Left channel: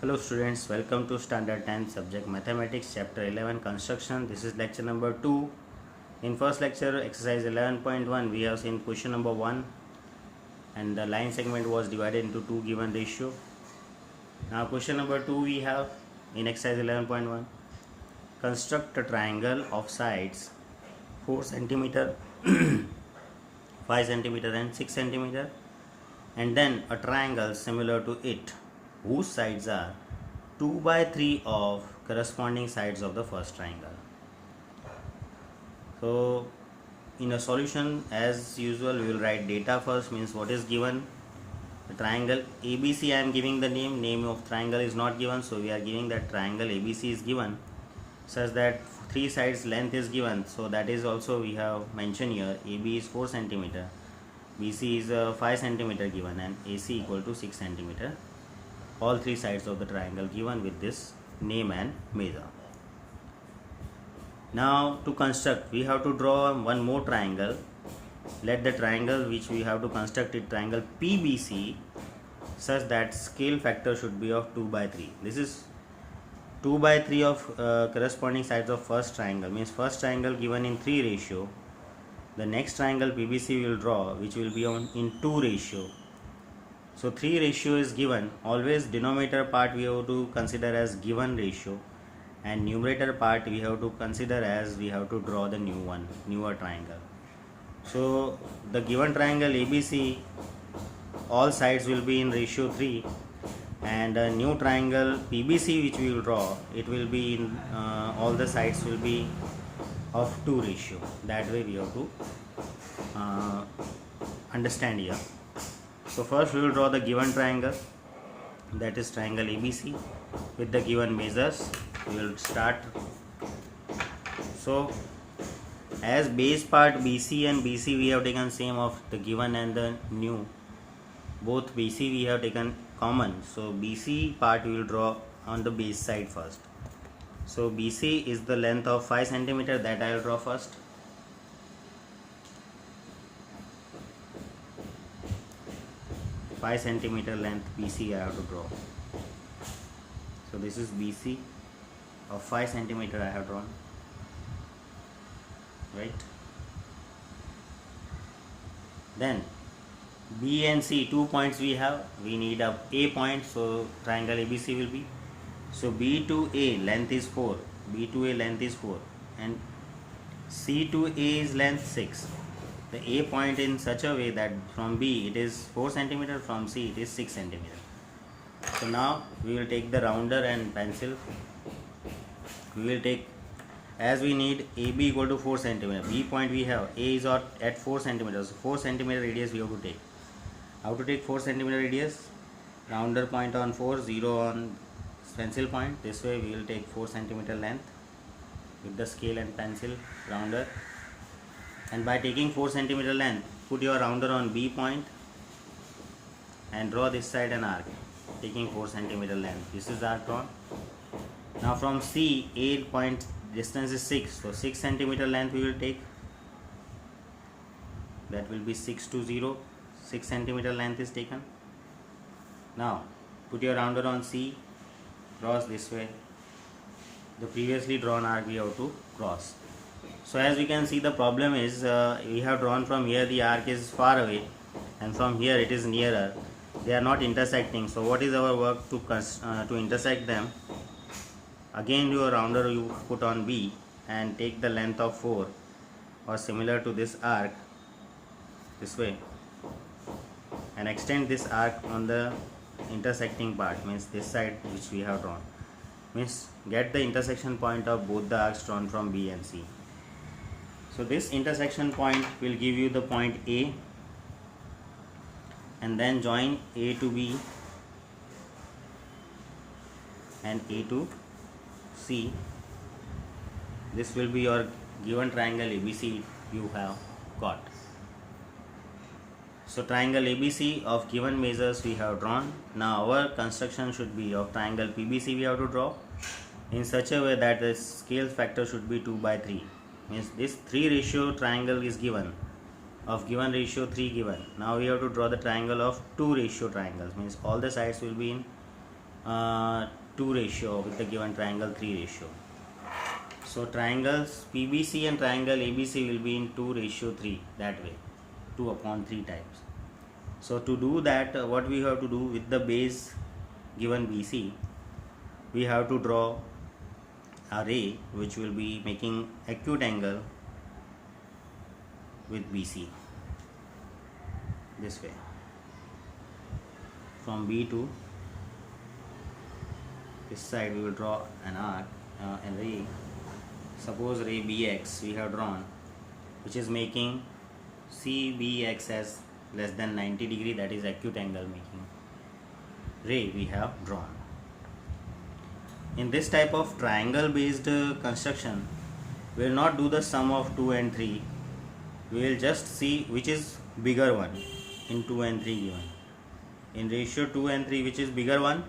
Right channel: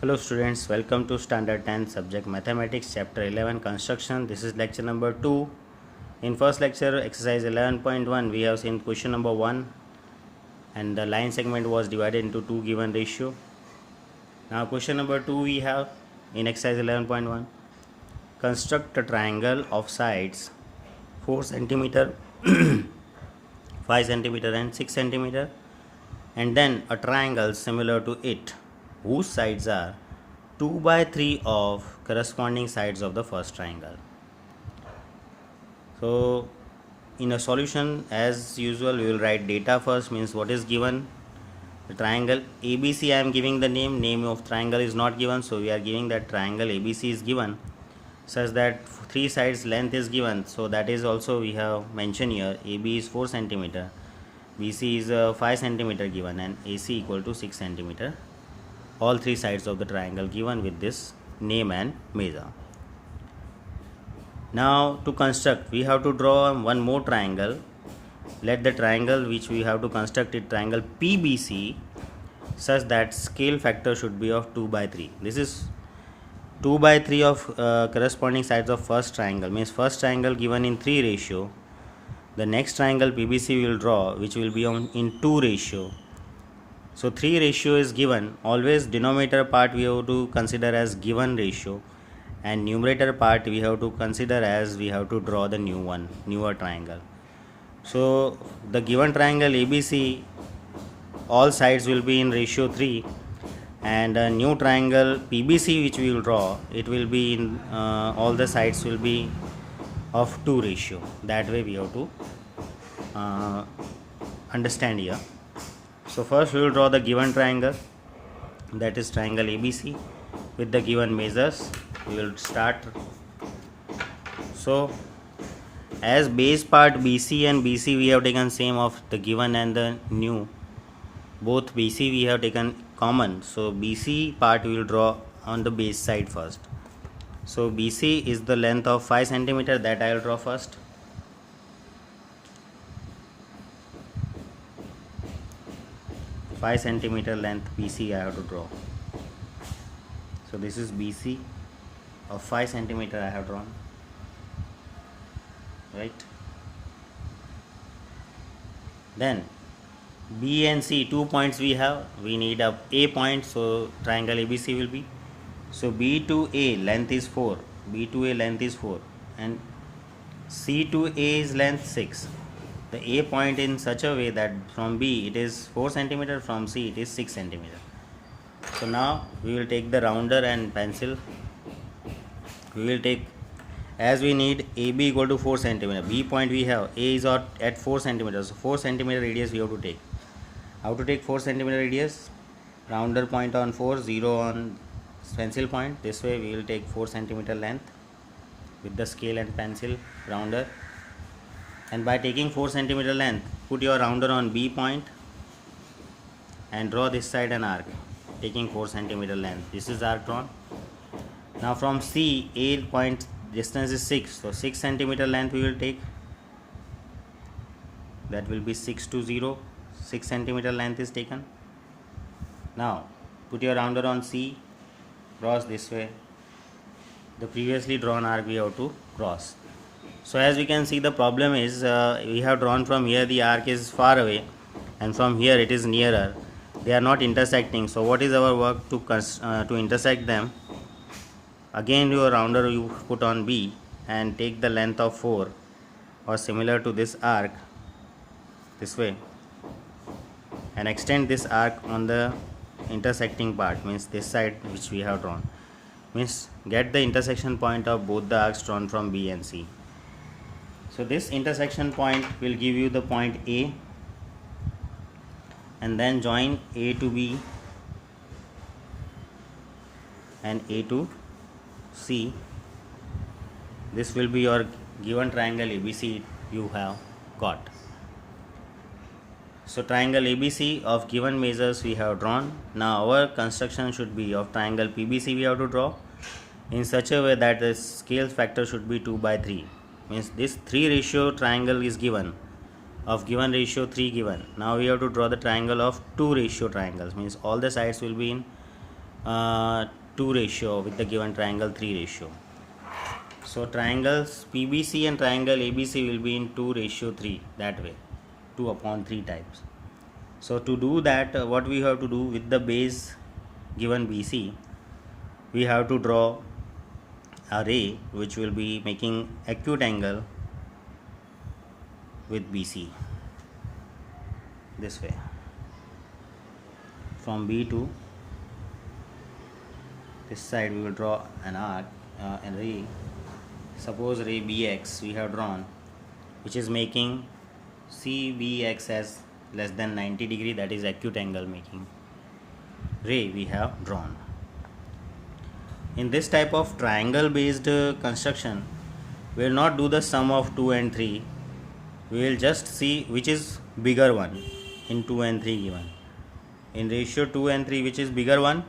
Hello students, welcome to Standard 10 subject Mathematics chapter 11 construction. This is lecture number 2. In first lecture exercise 11.1 we have seen question number 1 and the line segment was divided into two given ratio. Now question number 2 we have in exercise 11.1, construct a triangle of sides 4 centimeter, 5 centimeter and 6 centimeter, and then a triangle similar to it whose sides are 2 by 3 of corresponding sides of the first triangle. So in a solution, as usual, we will write data first, means what is given. The triangle ABC, I am giving the name of triangle is not given, so we are giving that triangle ABC is given such that 3 sides length is given, so that is also we have mentioned here. AB is 4 centimeter, BC is 5 centimeter given, and AC equal to 6 centimeter. All 3 sides of the triangle given with this name and measure. Now to construct, we have to draw one more triangle. Let the triangle which we have to construct it triangle PBC such that scale factor should be of 2 by 3. This is 2 by 3 of corresponding sides of first triangle, means first triangle given in 3 ratio. The next triangle PBC we will draw which will be in 2 ratio. So 3 ratio is given. Always denominator part we have to consider as given ratio, and numerator part we have to consider as we have to draw the newer triangle. So the given triangle ABC, all sides will be in ratio 3, and a new triangle PBC which we will draw, it will be in all the sides will be of 2 ratio. That way we have to understand here. So first we will draw the given triangle, that is triangle ABC with the given measures. We will start. So as base part BC and BC we have taken same of the given and the new, both BC we have taken common, so BC part we will draw on the base side first. So BC is the length of 5 centimeter, that I will draw first. Centimeter length BC I have to draw. So this is BC of 5 centimeter I have drawn, right? Then B and C, 2 points we have. We need a point, so triangle ABC will be. So B to A length is 4. B to A length is 4, and C to A is length 6. The A point in such a way that from B it is 4 centimeter, from C it is 6 centimeter. So now we will take the rounder and pencil. We will take, as we need AB equal to 4 centimeter. B point we have, A is at 4 centimeters. So 4 centimeter radius we have to take. How to take 4 centimeter radius? Rounder point on 4, 0 on pencil point. This way we will take 4 centimeter length with the scale and pencil rounder. And by taking 4 centimeter length, put your rounder on B point and draw this side an arc taking 4 centimeter length. This is arc drawn. Now from C, A point distance is 6, so 6 centimeter length we will take. That will be 6 to 0. 6 centimeter length is taken. Now put your rounder on C, cross this way. The previously drawn arc we have to cross. So as we can see, the problem is we have drawn from here, the arc is far away, and from here it is nearer. They are not intersecting. So what is our work to intersect them? Again your rounder you put on B and take the length of 4, or similar to this arc, this way, and extend this arc on the intersecting part, means this side which we have drawn, means get the intersection point of both the arcs drawn from B and C. So this intersection point will give you the point A, and then join A to B and A to C. This will be your given triangle ABC you have got. So triangle ABC of given measures we have drawn. Now our construction should be of triangle PBC we have to draw in such a way that the scale factor should be 2 by 3. Means this 3 ratio triangle is given, of given ratio 3 given. Now we have to draw the triangle of 2 ratio triangles, means all the sides will be in uh, 2 ratio with the given triangle 3 ratio. So triangles PBC and triangle ABC will be in 2 ratio 3, that way, 2 upon 3 types. So to do that, what we have to do with the base given BC, we have to draw a ray which will be making acute angle with BC this way. From B to this side we will draw an arc, a ray. Suppose ray BX we have drawn, which is making CBX as less than 90 degree, that is acute angle making ray we have drawn. In this type of triangle based construction, we will not do the sum of 2 and 3, we will just see which is bigger one in 2 and 3 given. In ratio 2 and 3, which is bigger one?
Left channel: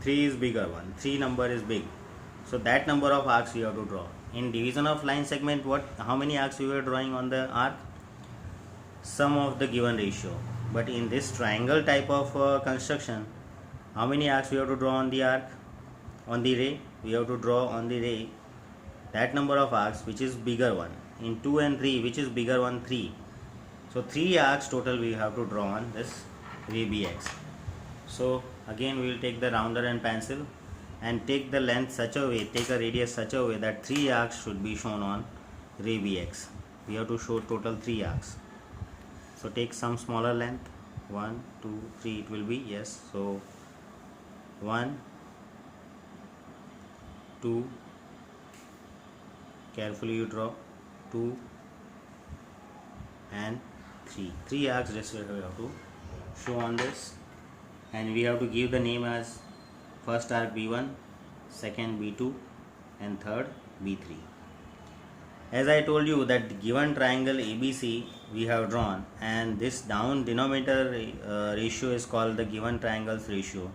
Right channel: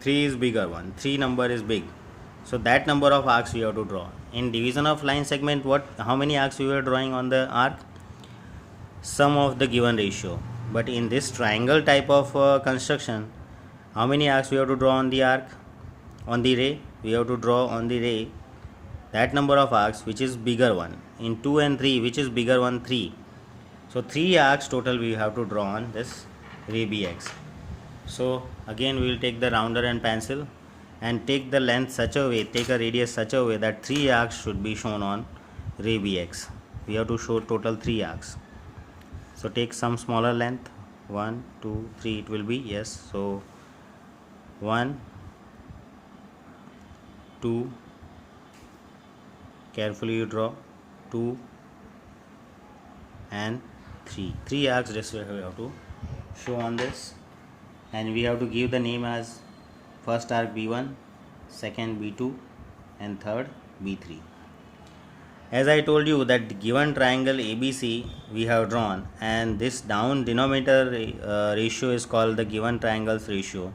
3 is bigger one, 3 number is big, so that number of arcs we have to draw. In division of line segment, how many arcs we were drawing on the arc? Sum of the given ratio. But in this triangle type of construction, how many arcs we have to draw on the arc? On the ray, we have to draw on the ray that number of arcs which is bigger one. In 2 and 3, which is bigger one? 3. So 3 arcs total we have to draw on this ray BX. So again we will take the rounder and pencil and take the length such a way, take a radius such a way that 3 arcs should be shown on ray BX. We have to show total 3 arcs. So take some smaller length, 1, 2, 3 it will be, yes. So 1, 2, carefully you draw, 2 and 3. 3 arcs this way we have to show on this, and we have to give the name as first arc B1, second B2 and third B3. As I told you that given triangle ABC we have drawn, and this down denominator ratio is called the given triangles ratio.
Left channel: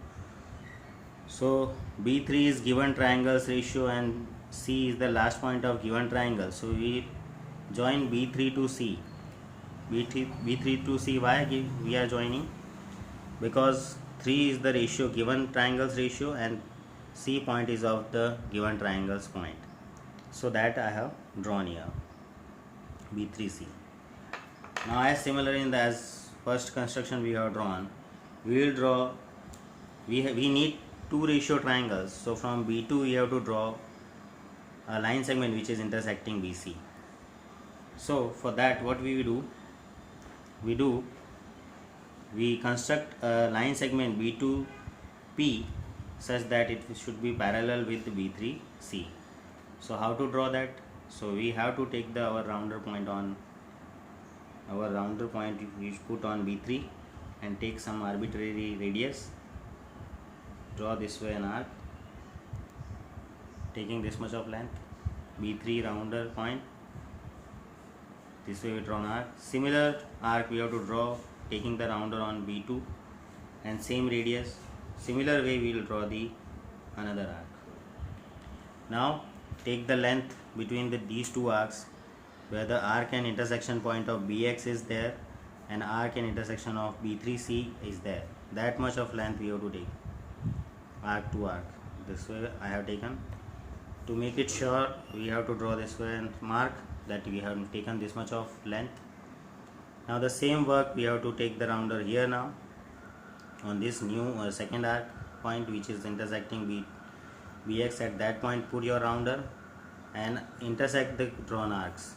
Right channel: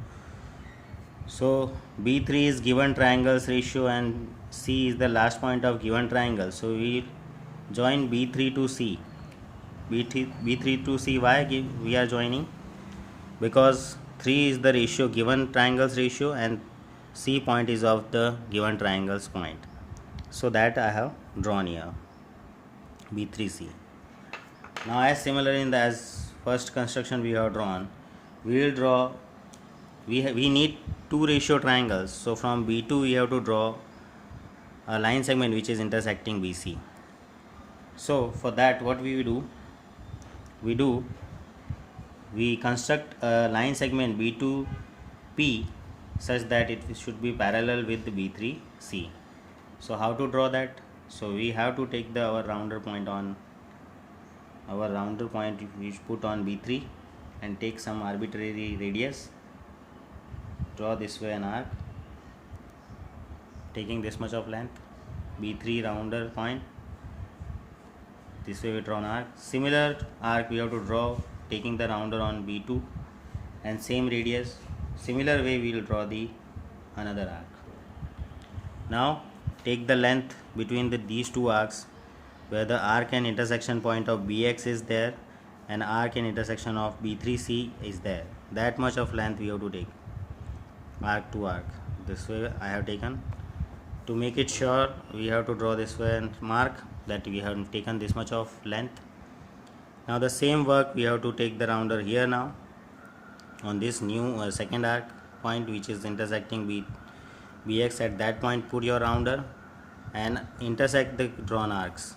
So B3 is given triangles ratio and C is the last point of given triangle. So we join B3 to C. B3 to C, why we are joining? Because 3 is the ratio given triangles ratio and C point is of the given triangles point. So that I have drawn here, B3C. Now as similar in the as first construction we have drawn, we will draw, we need 2 ratio triangles. So from B2 we have to draw a line segment which is intersecting BC. So for that what we will do, we construct a line segment B2P such that it should be parallel with B3C. So how to draw that? So we have to take our rounder point we put on B3 and take some arbitrary radius, draw this way an arc taking this much of length, B3 rounder point, this way we draw an arc. Similar arc we have to draw taking the rounder on B2 and same radius. Similar way we will draw the another arc. Now take the length between these 2 arcs where the arc and intersection point of BX is there and arc and intersection of B3C is there. That much of length we have to take, arc to arc. This way I have taken. To make it sure, we have to draw this way and mark that we have taken this much of length. Now the same work we have to take the rounder here now on this new second arc point which is intersecting BX. At that point put your rounder and intersect the drawn arcs.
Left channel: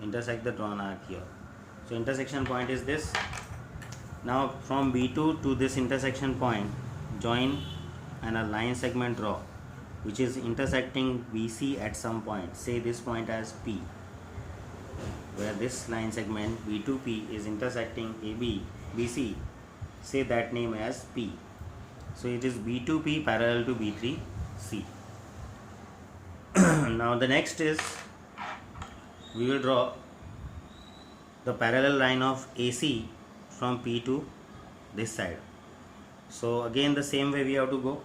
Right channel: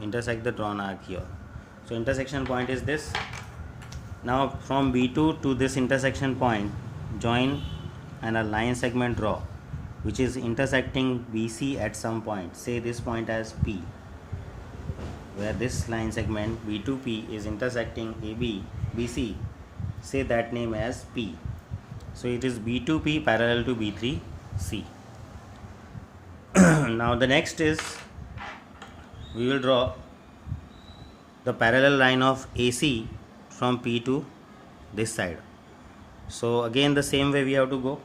Intersect the drawn arc here. So intersection point is this. Now from B2 to this intersection point join and a line segment draw which is intersecting BC at some point. Say this point as P, where this line segment B2P is intersecting BC. Say that name as P. So it is B2P parallel to B3C. Now the next is we will draw the parallel line of AC from P to this side. So again the same way we have to go.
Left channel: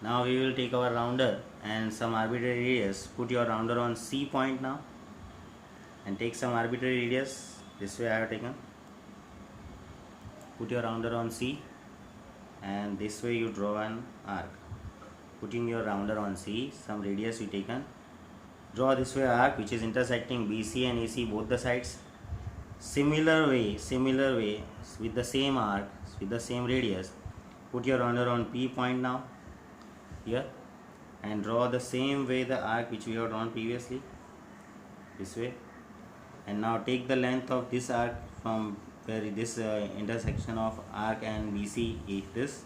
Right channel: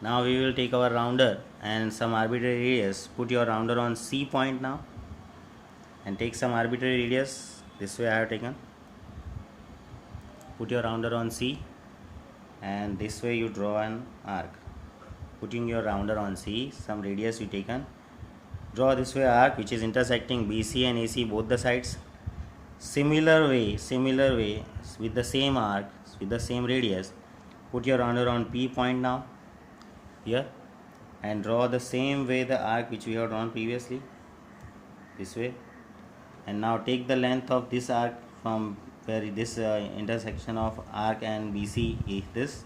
Now we will take our rounder and some arbitrary radius. Put your rounder on C point now and take some arbitrary radius. This way I have taken. Put your rounder on C and this way you draw an arc. Putting your rounder on C, some radius you taken, draw this way arc which is intersecting BC and AC both the sides. Similar way with the same arc, with the same radius, put your rounder on P point now here and draw the same way the arc which we have drawn previously, this way. And now take the length of this arc from where this intersection of arc and BC is this,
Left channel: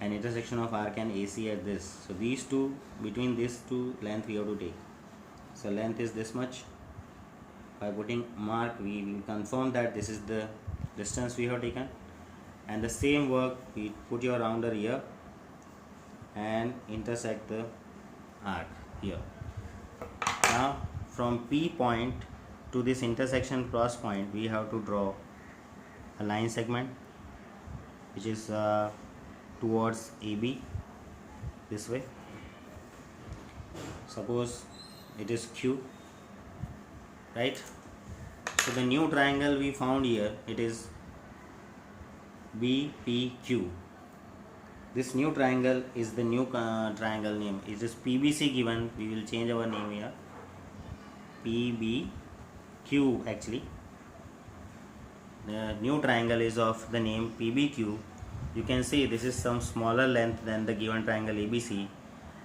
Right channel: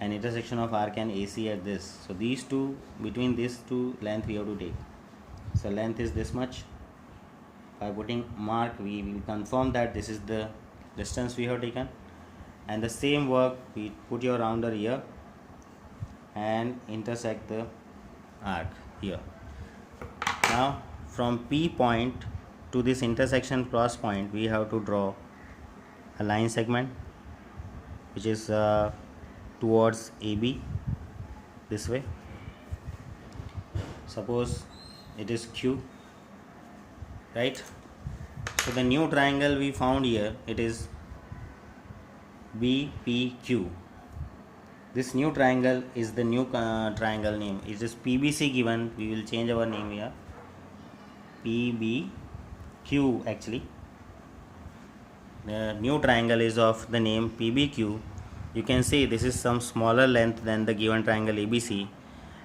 and intersection of arc and AC at this. So these two, between these two length we have to take. So length is this much. By putting mark we will confirm that this is the distance we have taken. And the same work, we put your rounder here and intersect the arc here. Now from P point to this intersection cross point we have to draw a line segment which is towards AB, this way. Suppose it is Q, right? So the new triangle we found here, it is BPQ. This new triangle is the new triangle name. It is PBC given. We will change our name here. PBQ actually. The new triangle is of the name PBQ. You can see this is some smaller length than the given triangle ABC,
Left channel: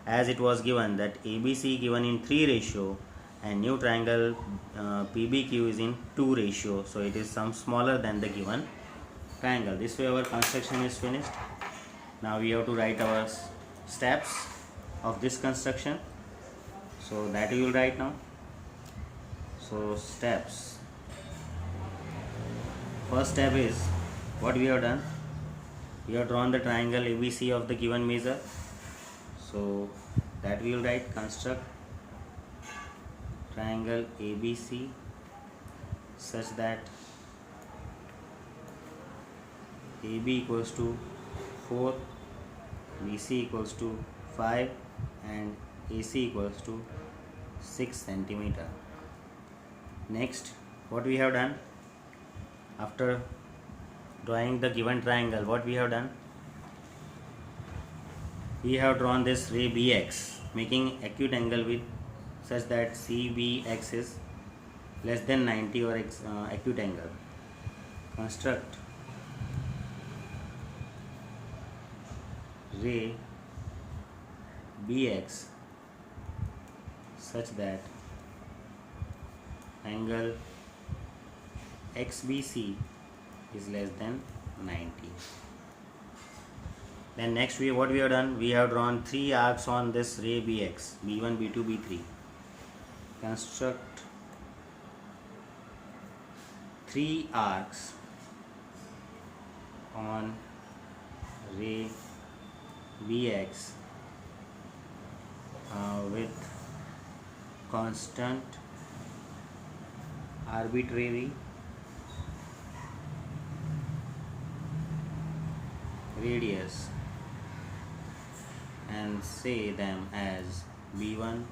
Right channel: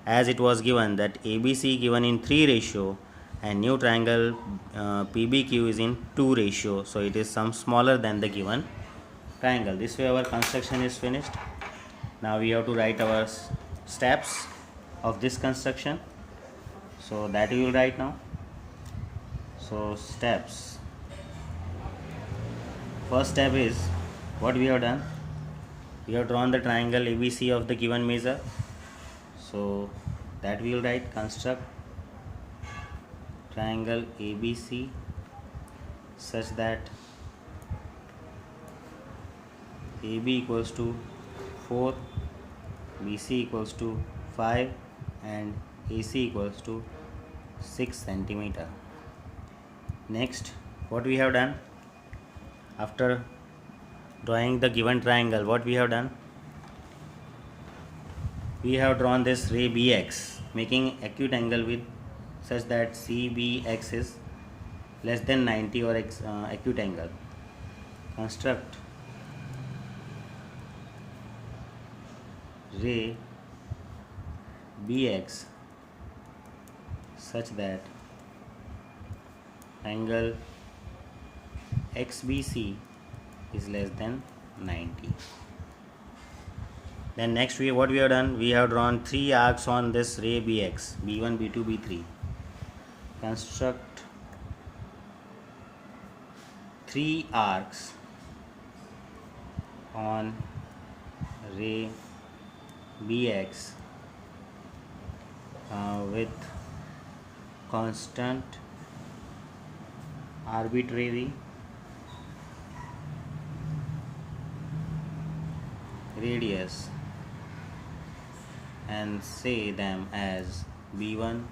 as it was given that ABC given in 3 ratio and new triangle PBQ is in 2 ratio, so it is some smaller than the given triangle. This way our construction is finished. Now we have to write our steps of this construction, so that we will write now. So steps, first step is what we have done. We have drawn the triangle ABC of the given measure, so that we will write construct triangle ABC such that AB equals to 4, BC equals to 5 and AC equals to 6 centimeter. Next, what we have done, after drawing the given triangle, what we have done, we have drawn this ray BX making acute angle with such that CBX is less than 90 or acute angle. Construct ray BX such that angle XBC is less than 90. Then next what we have done, we have drawn 3 arcs on this ray BX, B1, B2, B3. Construct 3 arcs on ray BX with constant arbitrary radius and say them as B1,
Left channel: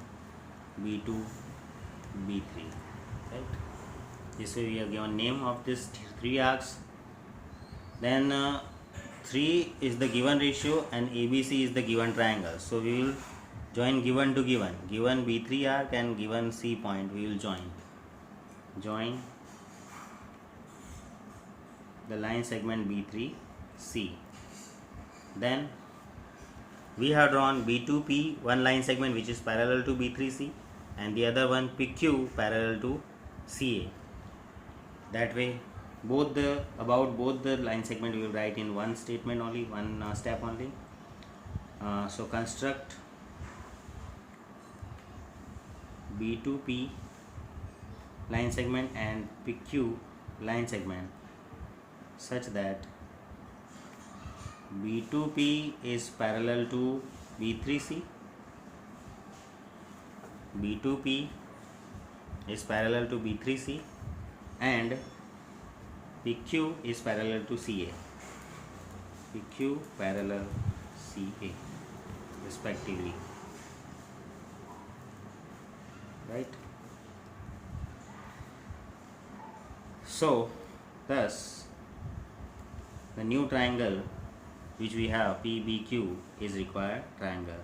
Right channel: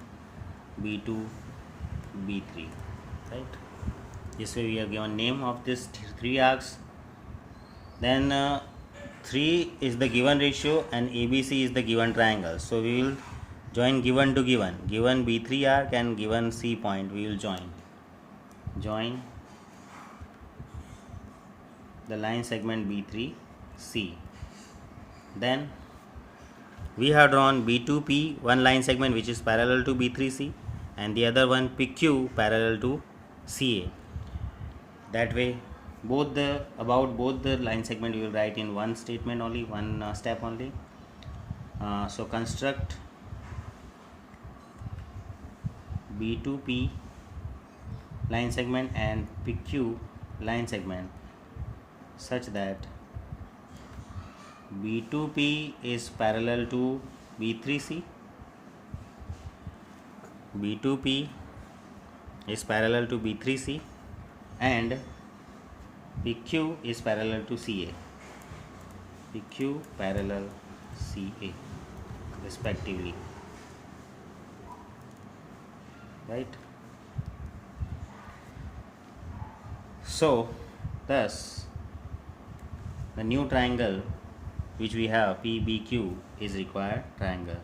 B2, B3, right? This way we have given name of this 3 arcs. Then 3 is the given ratio and ABC is the given triangle, so we will join given to given B3 arc and given C point we will join the line segment B3C. Then we have drawn B2P, one line segment which is parallel to B3C and the other one PQ parallel to CA. That way both the line segment you will write in one statement only, one step only. So construct B2P line segment and PQ line segment such that B2P is parallel to B3C, B2P is parallel to B3C and PQ is parallel to CA, PQ parallel CA respectively, right? So thus the new triangle which we have PBQ is required triangle.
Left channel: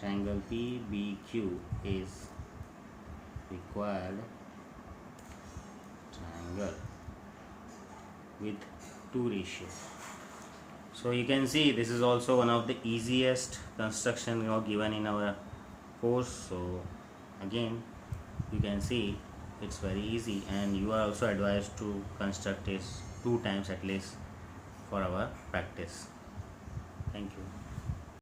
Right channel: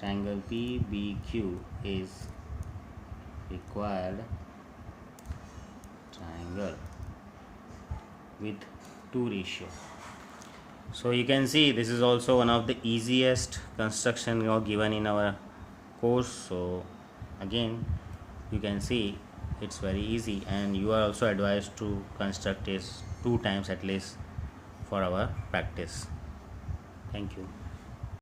Triangle PBQ is required triangle with 2 ratio. So you can see this is also one of the easiest construction given in our course. So again you can see it's very easy, and you are also advised to construct this 2 times at least for our practice. Thank you.